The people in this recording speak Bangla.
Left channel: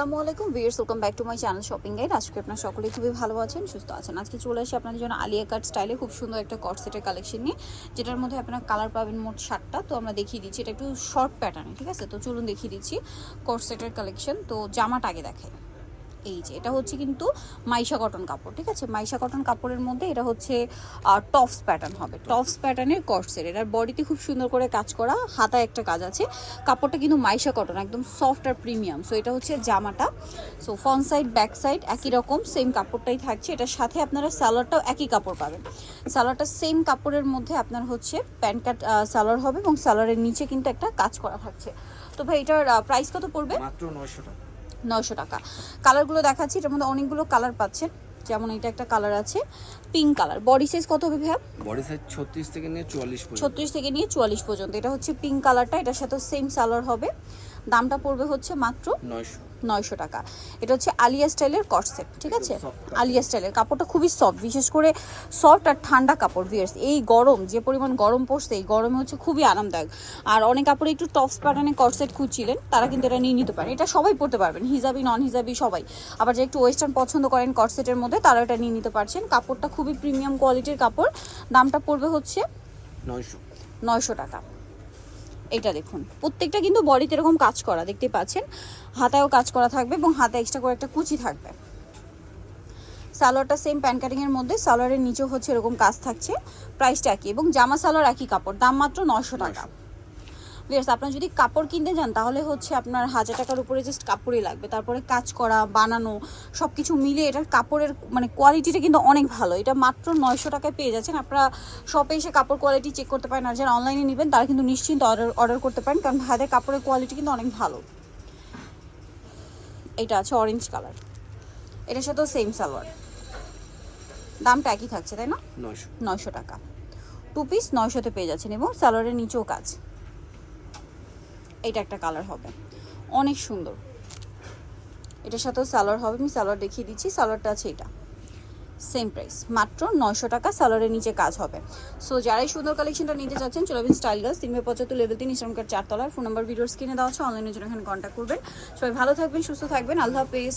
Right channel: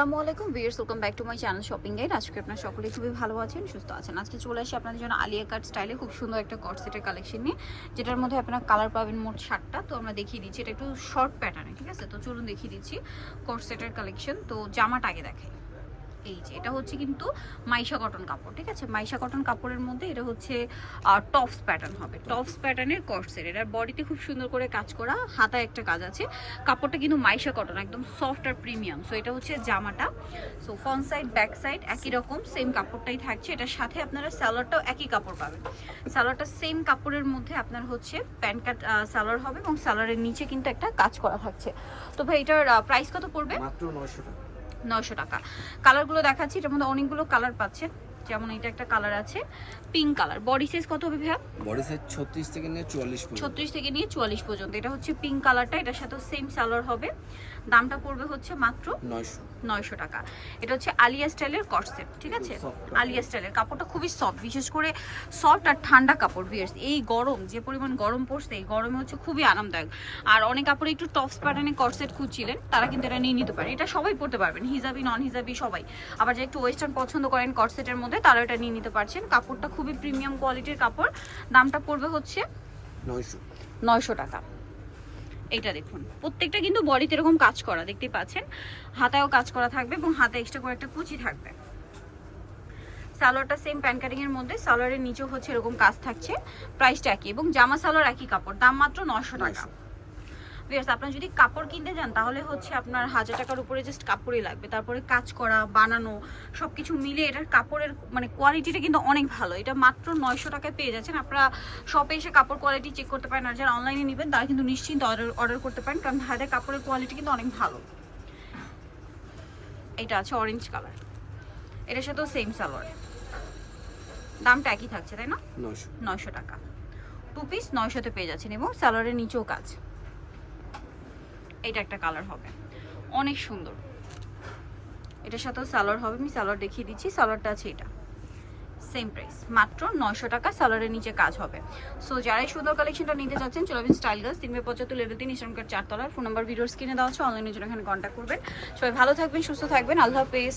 আসসালামু আলাইকুম viewers, welcome back to my channel shopping guide. আজকে আপনারা সকলেই খুবই ভালো আছেন, সুস্থ আছেন। আজকে চলে আসি আপনাদের জন্য আলিয়া কাট স্টাইলে খুব সুন্দর একটা কট সেটের কালেকশন নিয়ে, যেটার মধ্যে আপনারা কালার পাবেন মোট 7টা। তো আমরা দেখিয়ে দিচ্ছি, এটা একটু শর্ট প্যাটার্নে, ঠিক আছে? তো চলুন দেখিয়ে দিচ্ছি কট সেটের কালেকশন। তো জামাটা আগে দেখাই। এই যে এটা হচ্ছে কিন্তু মাইশা কটন কাপড়, ঠিক আছে? মাইশা কটন কাপড়ের মধ্যে এটা হচ্ছে টপস প্যাটার্ন হবে, টপস প্যাটার্নের কটসের। এটার বডিতে খুব সুন্দর করে কাজ করা, হাতায় একটা কাজ আছে। কাপড়টা কিন্তু মাইশা কটন, একদম সফট আর প্রিমিয়াম। সো এটা হচ্ছে জামাটা। So front side back side একই রকম সেম কাপড়টাই থাকছে। এটার সাথে আপনারা স্যালোয়ারটাও একই কাপড় পাবেন। স্যালোয়ারটা সেম কাপড়ের মধ্যে আপনার হচ্ছে প্যান্ট কাট স্যালোয়ার হবে এবং স্যালোয়ারের নিচে কিন্তু একটা কাজ করা থাকছে। তো ভাই এটার প্রাইস কত পড়বে? মাত্র 900 টাকা। 900 টাকা। কালারগুলো দেখাচ্ছি, এটার মধ্যে অনেকগুলো কালার পাচ্ছেন। যেমন এটা একটা কালার আছে পিঙ্ক কালার। বডি সাইজ কত হবে ভাইয়া? বডি সাইজ 36 থেকে নিয়ে 44 পর্যন্ত। 36 থেকে নিয়ে 44 পর্যন্ত। এটা হচ্ছে পিঙ্ক কালারটা, এটার সাথে সেম সালোয়ার হবে। দামটা পড়বে হচ্ছে মাত্র 900 টাকা। এটা হচ্ছে আলিয়া স্টাইলের কট সেট, ঠিক আছে? আলিয়া স্টাইলের কাপড়টা খুবই সফট, বিশেষ করে সফট আর ঠান্ডা কাপড়। ভিউয়ার্স, এই গরম যে পরিমাণ গরম পড়ছে, এই গরমে হচ্ছে খুবই আরামদায়ক। আর অনেক কাপড়ে একটু টপস প্যাটার্নে কট সেট খুঁজছিলেন, তারা কিন্তু এটা নিয়ে নিতে পারেন। এটা সবাই পরতে পারবেন, হিজাবি নন হিজাবি সবাই। আবার যে একটু ওয়েস্টার্ন পছন্দ করেন কট সেটের মধ্যে, তারা এটা নিয়ে নিতে পারছেন। কাপড়টা খুবই প্রিমিয়াম কোয়ালিটির কাপড়। দামটা পড়বে হচ্ছে 900 টাকা। এটা দেখুন, প্রত্যেকটা কিন্তু বডিতে এরকম কাজ করা দেখতে পাচ্ছেন। হাতায়ও কাজ করা থাকবে এবং হাতে এক্সট্রা করে একটা কুচি থাকবে। সালোয়ারটা সেম প্যান্ট কাটিং এর মধ্যে, সালোয়ারের নিচেও হচ্ছে এরকম কাজ থাকছে। প্রাইসটা একই এবং জামা সালোয়ার একই কাপড়। দাম মাত্র 900 টাকা। ভিউয়ার্স, আপনারা যদি কাপড় কিনতে যান তাহলে হচ্ছে আপনার 1000 টাকার উপরে জাস্ট কাপড়ই লাগবে। তারপরে কাজ করা, বানানো সব কিছু মিলিয়ে এটার কাপড়ের মানে কোয়ালিটিটা কিন্তু অনেক ভালো। এটা মাত্র 900 টাকায় পেয়ে যাচ্ছেন। আপনারা শপে এসে কাপড় কোয়ালিটি চেক করতে পারেন, আর যারা অনলাইনে নেবেন তারা কিন্তু নিশ্চিন্ত অর্ডার করতে পারেন, কারণ ভাইদের কাপড়ের কোয়ালিটি কিন্তু অনেক ভালো। এটা আছে অরেঞ্জ কালার, এটার সাথেও সেম সালোয়ার। দামটা একই থাকছে, তাই না? 900 টাকা। 2 পিস 900-তে পেয়ে যাচ্ছেন এবং সালোয়ারের নিচেও কাজ। এটা একটা কালার হবে, অনেক সুন্দর। এটার সাথেও সালোয়ার হবে, আমি সালোয়ার দেখিয়ে দিচ্ছি। সালোয়ারটা আছে এটা, সেম প্রাইস মাত্র 900 টাকা। সালোয়ারের নিচে কাজ হবে। সো যারাই সুন্দর কালেকশনটা নিতে চাচ্ছেন, চলে আসবেন স্টাইল গার্লস, 375 লেভেল 3 ইসলাম কার্ড 4 তলার। ফোন নাম্বার ভিডিওর স্ক্রিনে দেওয়া আছে, অনলাইনে জন্য এখানে কন্ট্যাক্ট করবেন। সবাই ভালো থাকবেন, সুস্থ থাকবেন, আল্লাহ হাফেজ।